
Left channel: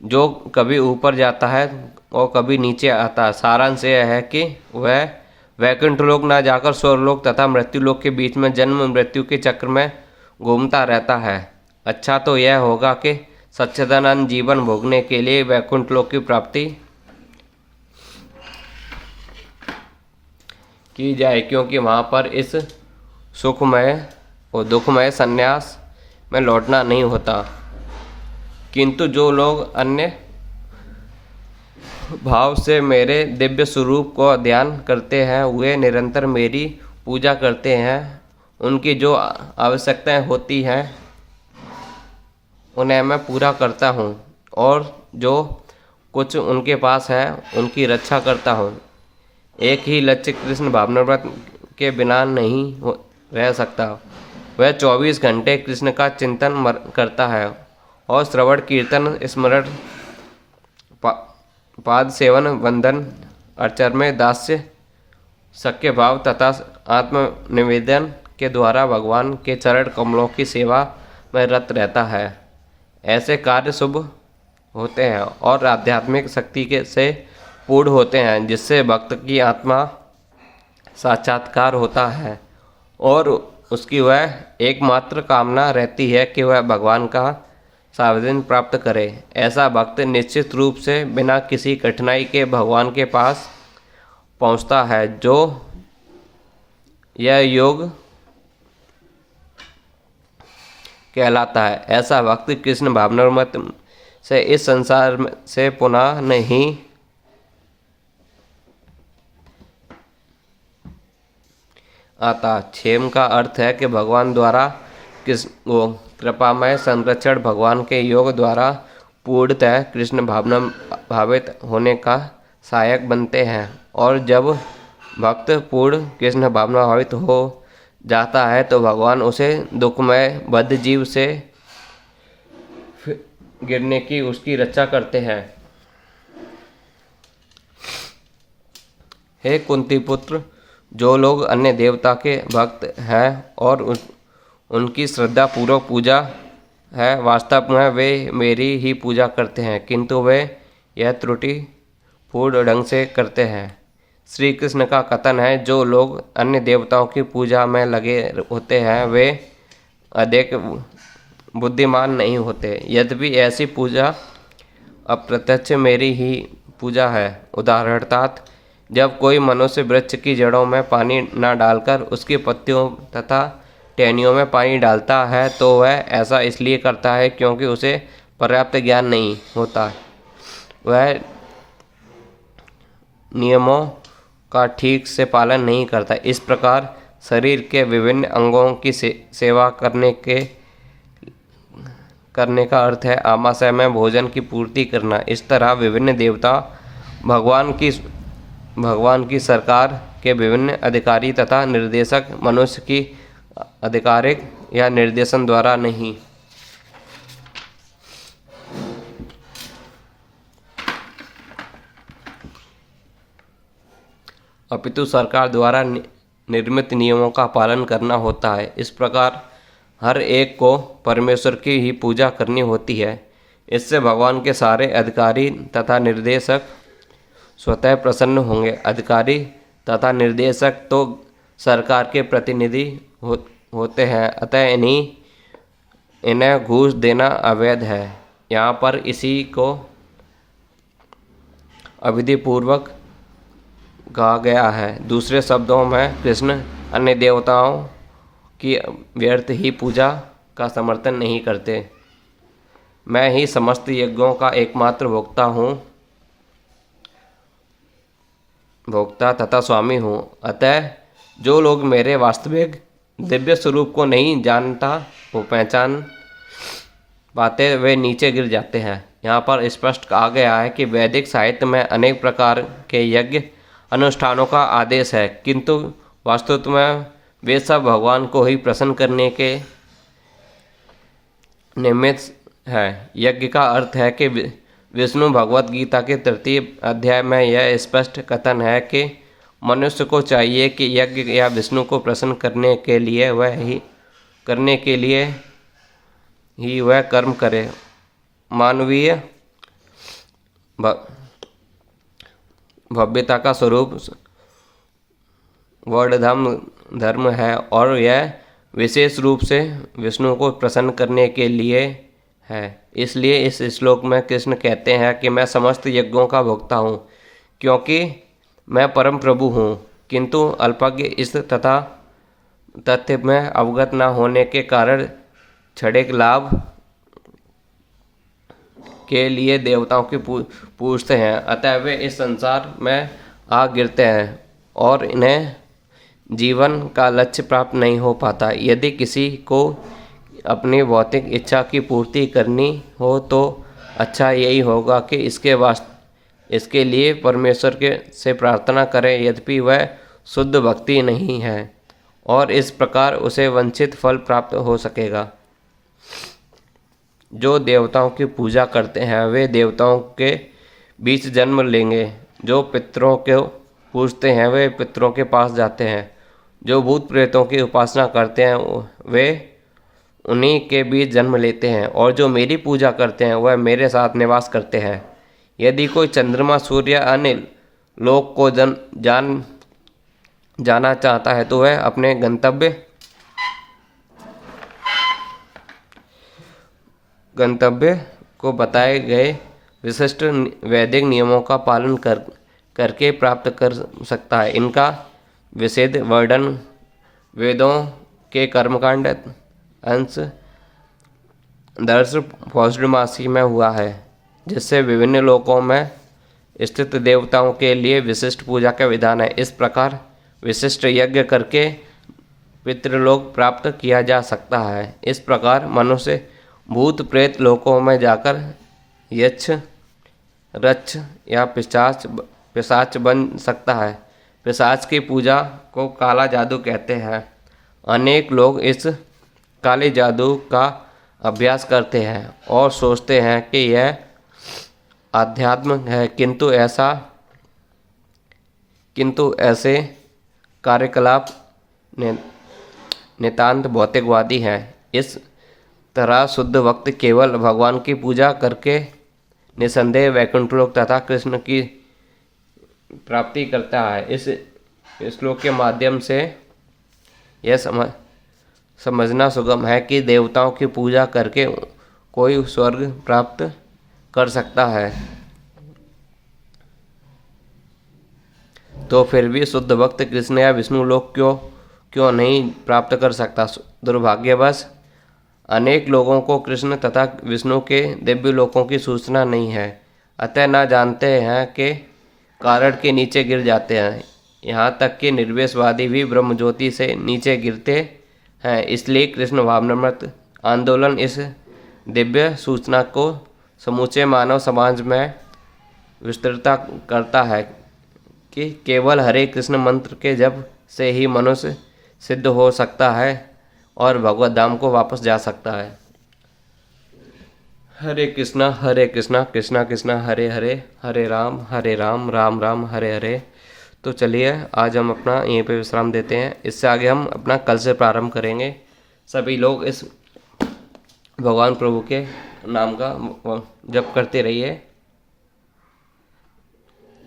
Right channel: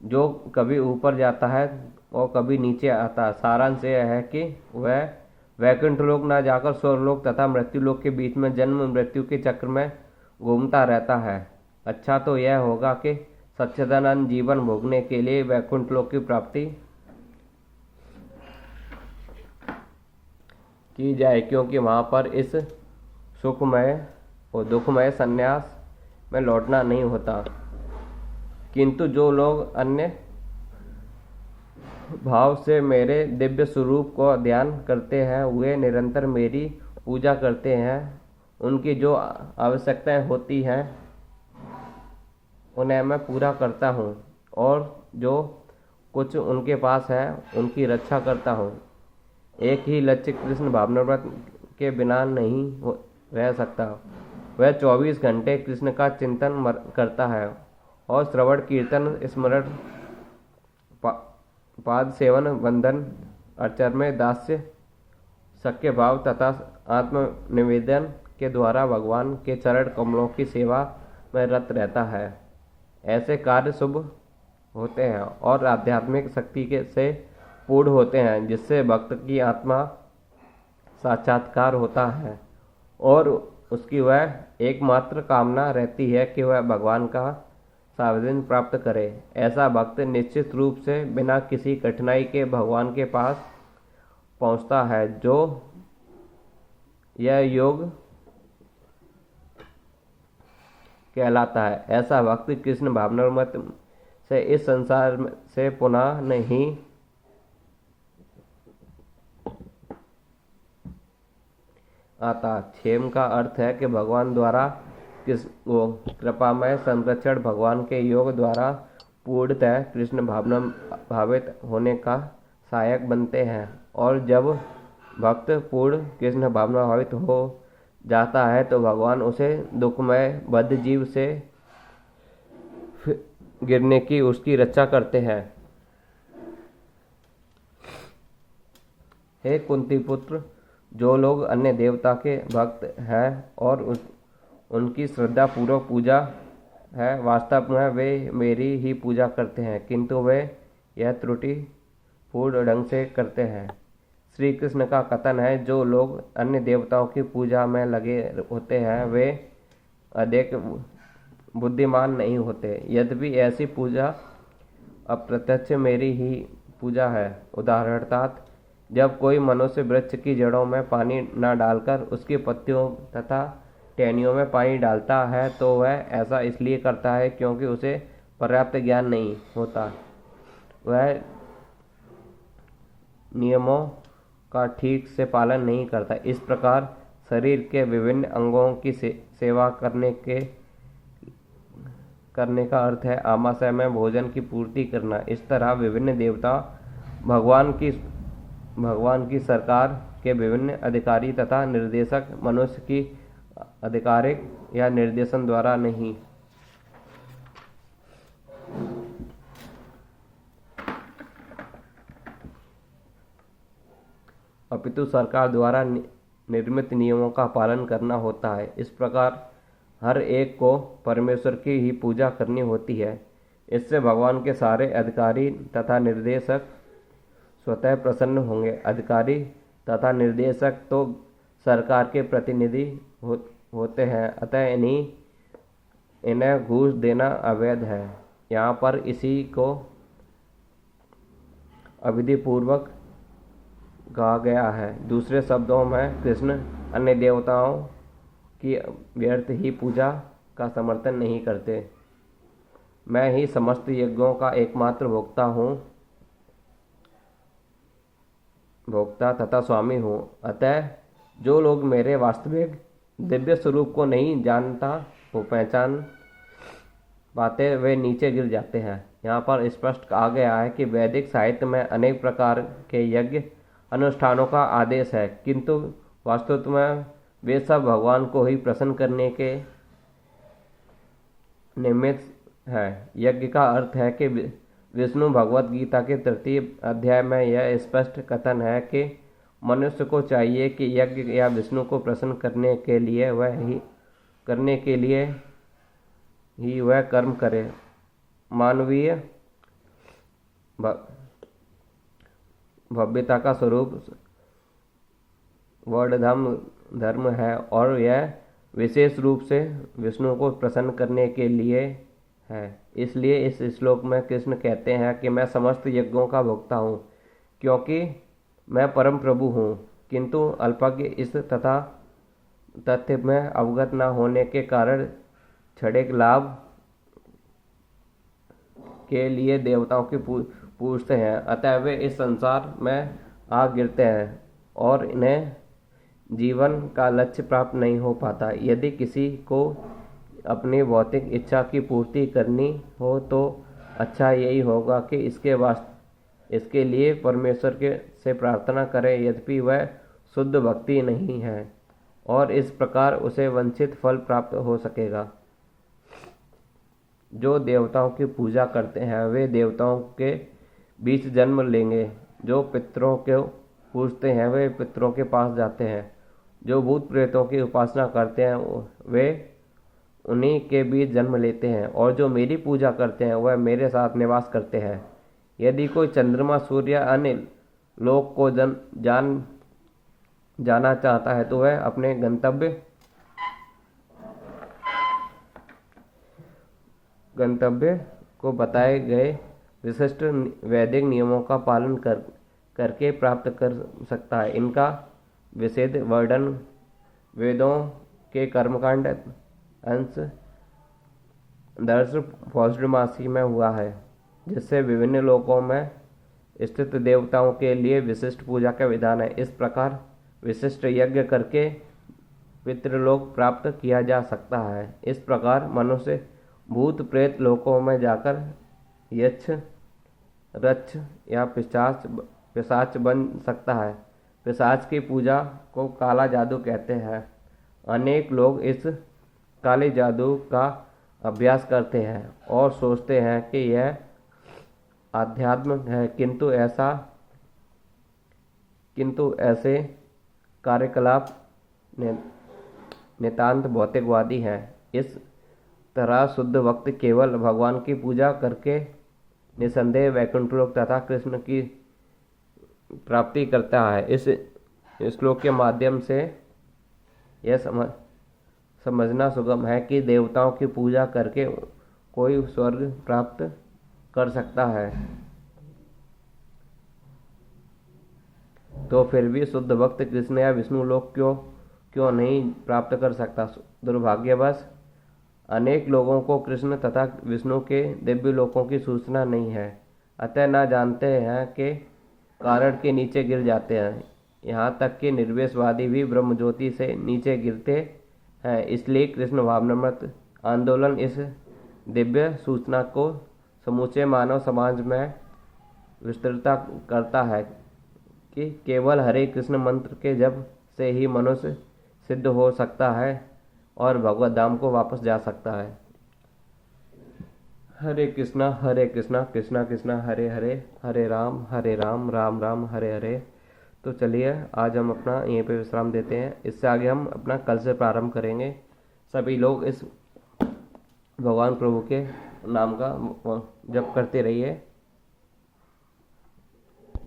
जो कभी ऊपर जाता है और कभी नीचे आता है। सारांश यह है कि वह वैकुंठ लोक न जाकर स्वर्गलोक तथा मृत्यु लोक के बीच में जन्म मृत्यु के चक्र में घूमता रहता है। अच्छा तो यह होगा कि सच्चिदानंद जीवन भोगने के लिए वैकुंठ लोक की प्राप्ति की जाए, क्योंकि वहाँ पर इस सुखमय और दुखमय संन्यास में लौटना नहीं होता। किंतु जो लोग अन्य भाव से मेरे दिव्य स्वरूप को ध्यान करते हैं, वे निरंतर मेरी पूजा करते हैं। उनकी जो आवश्यकताएं होती हैं उन्हें मैं पूरा करता हूँ, और जो कुछ उनके पास है उनकी रक्षा करता हूँ। एक ही लक्ष्य कृष्ण भावनाव्रत के बिना नहीं रह सकता। वह 24 घंटे कृष्ण का चिंतन करता है और श्रवण कीर्तन स्मरण पाद सेवन वंदन अर्चन में दास्य सख्य भाव तथा आत्मनिवेदन के द्वारा भगवान के चरण कमलों की सेवा में रत रहता है। ऐसे कार्य शुभ होते हैं और आध्यात्मिक शक्ति से पूर्ण होते हैं, जिससे भक्त की आत्मा साक्षात्कार होता है और उसकी वह एकमात्र कामना रहती है कि वह भगवान का सावधान प्राप्त करे। ऐसा भक्त निश्चित रूप से बिना किसी कठिनाई के भगवान के पास पहुंचता है। जो यह योग कहलाता है। ऐसा भक्त कृष्ण भावनामृत से इस संसार से पुनः नहीं आता। क्षेम का अर्थ है कि भगवान द्वारा कृपामय संरक्षण भगवान के योग द्वारा पूर्णतः कृष्ण भावना भावित होने का सहायक बनते हैं, और जब भक्त पूर्ण कृष्ण भावना भावित हो जाता है तो भगवान उसे दुखमय बद्ध जीव से गिरने की उसकी रक्षा करते हैं। हे कुंती पुत्र, जो लोग अन्य देवता के भक्त हैं और उनकी श्रद्धा पूर्वक पूजा है, वास्तव में वे मेरी ही पूजा करते हैं, किंतु वे यह त्रुटि पूर्ण ढंग से करते हैं। श्री कृष्ण का कथन है, जो लोग अन्य देवताओं की पूजा में लगे होते हैं वे अधिक बुद्धिमान नहीं होते। यद्यपि ऐसी पूजा अप्रत्यक्ष मेरी ही पूजा है। उदाहरणार्थ, जब कोई मनुष्य वृक्ष की जड़ों में पानी न डालकर उसकी पत्तियों तथा टहनियों में पानी डालता है तो वह ऐसा इसलिए करता है क्योंकि उसे पर्याप्त ज्ञान नहीं होता। वह नियमों का ठीक से पालन नहीं करता। इस प्रकार शरीर के विभिन्न अंगों की सेवा करने का अर्थ है आमाशय में भोजन की पूर्ति करना। इस तरह विभिन्न देवता भगवान की सरकार के विभिन्न अधिकारी तथा निर्देशक मनुष्य की आधिकारिक या निर्देशन द्वारा नहीं, अपितु सरकार द्वारा निर्मित नियमों का पालन करना होता है। इस प्रकार हर एक को परमेश्वर की ही पूजा करनी होती है। इससे भगवान के सारे अधिकारी तथा निर्देशक स्वतः प्रसन्न होंगे। अधिकारी तथा निर्देशक तो सरकार के प्रतिनिधि होते हैं, अतः इन्हें घूस देना अवैध है। यहाँ पर इसी को अविधिपूर्वक कहा गया है। दूसरे शब्दों में कृष्ण अन्य देवताओं की व्यर्थ ही पूजा का समर्थन नहीं करते। मैं ही समस्त यज्ञों का एकमात्र भोक्ता तथा स्वामी हूँ। अतः जो लोग मेरे वास्तविक दिव्य स्वरूप को नहीं जानता, वो पहचान पाते वे नीचे गिर जाते हैं। यहाँ पर स्पष्ट कहा गया है कि वैदिक साहित्य में अनेक प्रकार के यज्ञ अनुष्ठानों का आदेश है, किंतु वास्तव में वे सब भगवान को ही प्रसन्न करने के निमित्त है। यज्ञ का अर्थ है कि विष्णु भगवत गीता के 3 अध्याय में यह स्पष्ट कथन है कि मनुष्य को चाहिए कि यज्ञ या विष्णु को प्रसन्न करने के लिए वह कर्म करे। मानवीय भव्यता का स्वरूप वर्णधर्म धर्म है और यह विशेष रूप से विष्णु को प्रसन्न करने के लिए है। इसलिए इस श्लोक में कृष्ण कहते हैं कि मैं समस्त यज्ञों का भोक्ता हूँ, क्योंकि मैं परम प्रभु हूँ, किंतु अल्पज्ञ इस तथ्य में अवगत न होने के कारण क्षणिक लाभ के लिए देवताओं की पूजते हैं। अतः वे इस संसार में आ गिरते हैं और इन्हें जीवन का लक्ष्य प्राप्त नहीं हो पाता। यदि किसी को अपनी भौतिक इच्छा की पूर्ति करनी हो तो अच्छा यही होगा कि इसके लिए परमेश्वर से प्रार्थना करें, यद्यपि वह शुद्ध भक्ति नहीं है, और इस प्रकार उसे वांछित फल प्राप्त हो सकेगा। जो देवताओं की पूजा करते हैं वे देवताओं के बीच जन्म लेंगे। जो पितरों को पूजते हैं वे पितरों के पास जाते हैं। जो भूत प्रेतों की उपासना करते हैं वे उन्हीं के बीच जन्म लेते हैं, और जो मेरी पूजा करते हैं वह मेरे साथ निवास करते हैं। यदि कोई चंद्रमा, सूर्य या अन्य लोक को जाना चाहता है तो वह अपने गंतव्य को बताए गए विशिष्ट वैदिक नियमों का पालन करके प्राप्त कर सकता है। इनका विशेष वर्णन वेदों के कर्मकांड अंश 10 पौर्णमासी में हुआ है, जिससे विभिन्न लोकों में स्थित देवताओं के लिए विशिष्ट पूजा का विधान है। इस प्रकार विशिष्ट यज्ञ करके पितृलोक प्राप्त किया जा सकता है। इस प्रकार मनुष्य भूत प्रेत लोकों में जाकर यक्ष, रक्ष या पिशाच बन सकता है। पिशाच की पूजा को काला जादू कहते हैं। अनेक लोग इस काले जादू का अभ्यास करते हैं और सोचते हैं कि यह आध्यात्म है, किंतु ऐसे कार्यकलाप नितांत भौतिकवादी हैं। इस तरह शुद्ध भक्त केवल भगवान की पूजा करके निसंदेह वैकुंठ लोक तथा कृष्ण की प्राप्ति करता है। इस श्लोक के माध्यम से यह समझना सुगम है कि देवताओं की पूजा करके कोई स्वर्ग प्राप्त कर सकता है, तो फिर भी शुद्ध भक्त कृष्ण या विष्णु लोक क्यों नहीं प्राप्त कर सकता। दुर्भाग्यवश अनेक लोगों को कृष्ण तथा विष्णु के दिव्य लोकों की सूचना नहीं है, अतः न जानते हैं कि कारण के नीचे गिर जाते हैं। यहाँ तक कि निर्वेशवादी भी ब्रह्मज्योति से नीचे गिरते हैं। इसलिए कृष्ण भावनामृत आंदोलन इस दिव्य सूचना को समूचे मानव समाज में विस्तृत करता है कि केवल हरे कृष्ण मंत्र के जप से ही मनुष्य सिद्ध हो सकता है और भगवत धाम को वापस जा सकता है। हरे कृष्णा कृष्णा कृष्णा हरे हरे, हरे राम राम राम हरे हरे। तो चलिए आज हम अपना यहीं पे विश्राम देते हैं। इससे आगे हम अपना कल से प्रारंभ करेंगे। सभी लोग इस भगवान प्रभु के नाम का जप करते रहिए।